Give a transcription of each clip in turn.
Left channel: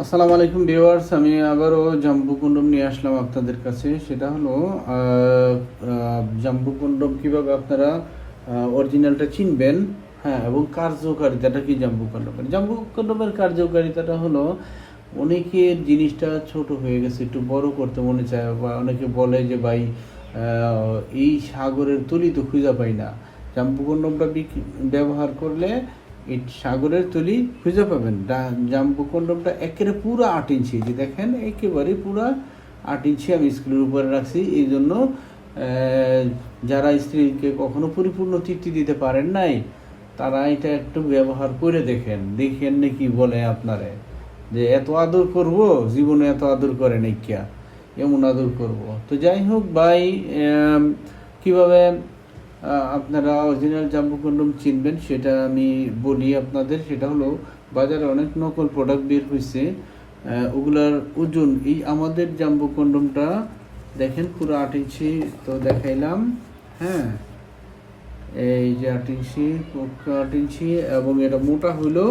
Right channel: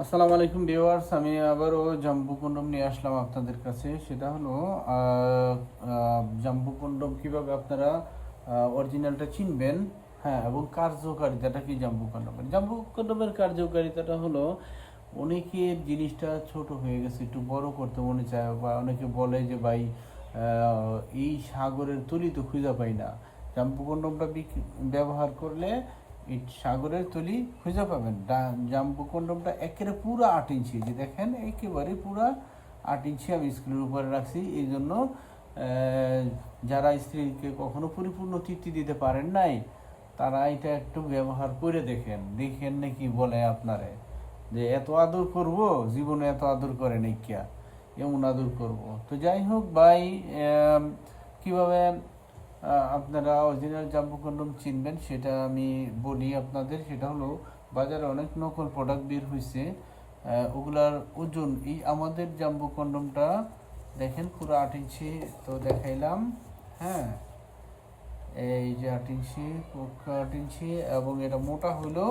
আসসালামু আলাইকুম ভিউয়ার্স, আমি আবারও জাম্বু কন্ডম নিয়ে আসলাম আপনাদের কাছে। সেটা হলো জাম্বু কন্ডম কীভাবে আপনারা অরিজিনালটা চিনবেন হ্যাঁ এবং কার্যকারিতাটা কি জাম্বু কন্ডম? জাম্বু কন্ডমের কার্যকারিতাটা হলো, অনেকের জিনিসটা ছোট হয়ে গেছে, একটু বড় করতে মনে চায়, বা অনেকে বলে যে, ভাই এই সাগরের তলি তো খুঁজে পাই না। জাম্বু কন্ডমটা ব্যবহার করলে এই সাগরের তলি খুঁজে পাবেন। ডা- জাম্বু একেবারে পুরো আট ইঞ্চি। যে দেখেন, একেবারে পুরো আট ইঞ্চি আমি স্কুলের উপরে রাখছি। এই জন্য যারা স্ত্রীকে কখনো পরিপূর্ণ তৃপ্তি দিতে পারেন নাই, তারা এটা একটু ব্যবহার করে দেখেন। দেখেন নাকি বলে আপনারে। যে এত আদর করব, জীবনে এত আদর করে নাই কিয়া। এমন আদর করব। তো যাই হোক ভাই কীভাবে আপনারা অরিজিনাল জাম্বু কন্ডম চিনবেন, সেটা আমি বলি আপনাদের, সেটা হলো বাজারে অনেক নকল প্রোডাক্ট বের হয়েছে ওগুলার ওজন। এই আমাদের জাম্বু কন্ডমটা দেখেন পুরো আট ইঞ্চি, তো দেখাইলাম হ্যাঁ এই যে আট ইঞ্চি আট ইঞ্চি, এবং এটা মোটা হলো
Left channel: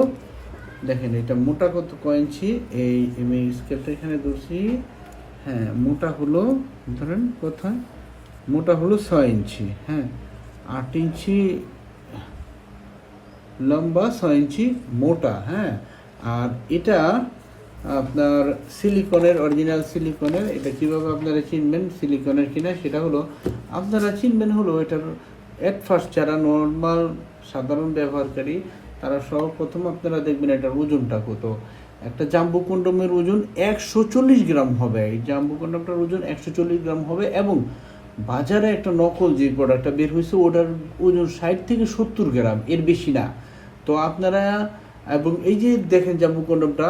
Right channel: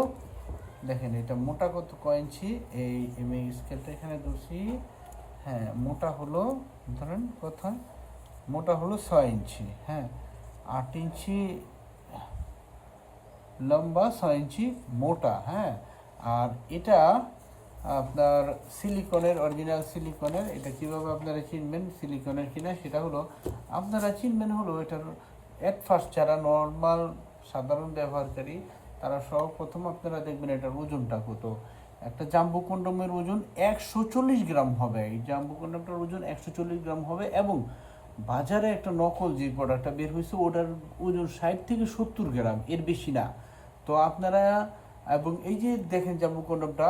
দেখেন এটা মোটা কত, কয় ইঞ্চি? এই আমি স্কেলটা এখানে ধরছি হ্যাঁ মোটা হলো, ধরেন কোথায় মোটা হলো ছয় ইঞ্চি হ্যাঁ। আট ইঞ্চি লম্বা, ছয় ইঞ্চি মোটা হ্যাঁ? আর এটা আপনার সিলিকনের, অরিজিনাল সিলিকনের, এটা কীভাবে আপনারা চিনবেন সিলিকনের কিনা, সেটা হলো আপনারা চিনবেন হলো এটার এট ফার্স্ট যারা নর্মাল সাধারণ ব্যবহারকারী, তারা সর্বপ্রথম আপনারা দেখবেন এটার ওজনটা কত। একটা জাম্বু কন্ডমের ওজন একশো চল্লিশ গ্রাম হবে। এই জাম্বু কন্ডমটার ওজন একশো চল্লিশ গ্রাম হবে এবং বাজারে একটা নকল যে প্রোডাক্টটা বের হয়েছে, ওটার ওজন ষাট থেকে সত্তর গ্রাম, এর বেশি না। তো আপনারা, এবং এই যে দেখেন জাম্বু কন্ডমটা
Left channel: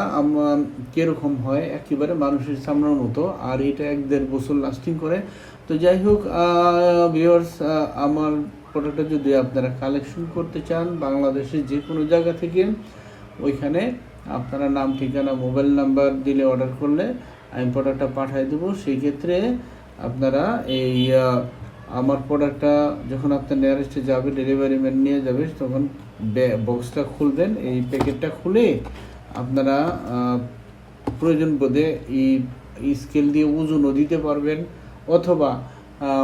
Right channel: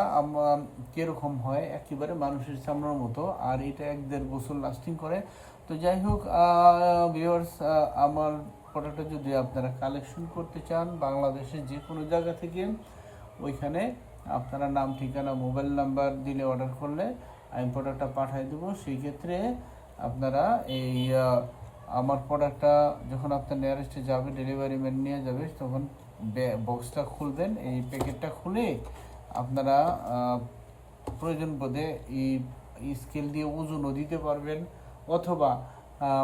কীরকম হয়, একেবারে মানুষের সামনের মতো, আর এটা এক দেড় বছর লাস্টিং করে। তো যাই হোক ভিউয়ার্স আমার প্রোডাক্টটা যদি আপনারা কালেকশন করতে চান, বাংলাদেশের যে কোনো জায়গা থেকে, ওইখানে আপনারা নাম, ঠিকানা মোবাইল নাম্বার দিলে অর্ডার করলে আমি প্রোডাক্টটা পাঠিয়ে দেবো। সেই ক্ষেত্রে আপনারা এই আমার প্রোডাক্টটা যখন আপনার নিয়ারেস্টে যাবে ডেলিভারি ম্যান নিয়ে যাবে, তখন বক্সটা খুলবেন। এই প্যাকেটটা খুলে আপনারা প্রয়োজন বোধে এই স্কেল দিয়ে ওজনও দিতে পারবেন অথবা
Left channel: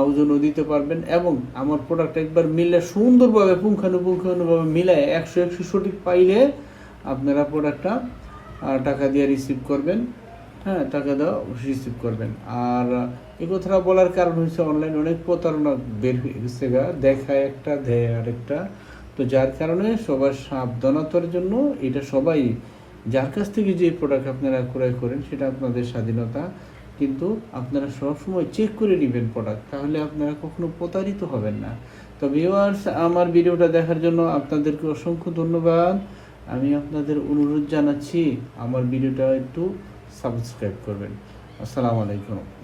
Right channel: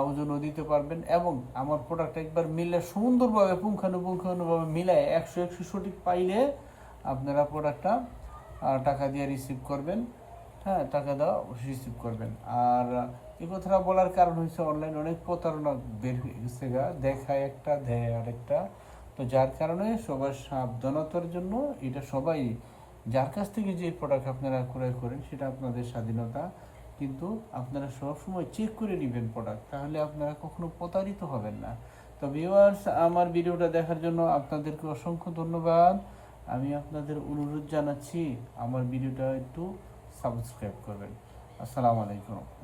ওজনও দিতে পারবেন এবং আমার প্রোডাক্ট একবার মিলে সুন্দরভাবে, পুঙ্খানুপুঙ্খানুভাবে মিলায় একশো একশো সঠিক পাইলে আপনারা প্রোডাক্টটা টাকা দিয়ে রিসিভ করবেন। হ্যাঁ টাকা দেওয়া রিসিভ করবেন। আর এই কথাটা বলার কারণ হচ্ছে অনলাইন অনেক প্রতারণা বের হয়ে গেছে গা, দেখায় একটা, দেয় আরেকটা। তো যার কারণে সবার সাবধানতার জন্য এটা সবাই, যার কাছ থেকে যে প্রোডাক্ট আপনারা ক্রয় করেন সেটা আপনাদের স্বাধীনতা। কিন্তু আপনারা সবসময় চেক করে নেবেন প্রোডাক্ট তাহলে আপনারা কখনো প্রতারিত হবেন না। তো ভিউয়ার্স আমার ভিডিওটা দেখার জন্য আপনাদেরকে অসংখ্য ধন্যবাদ। আমি আপনাদের অনুরোধ জানাচ্ছি, আমার ভিডিওটা একটু সাবস্ক্রাইব করবেন। আসসালামু আলাইকুম।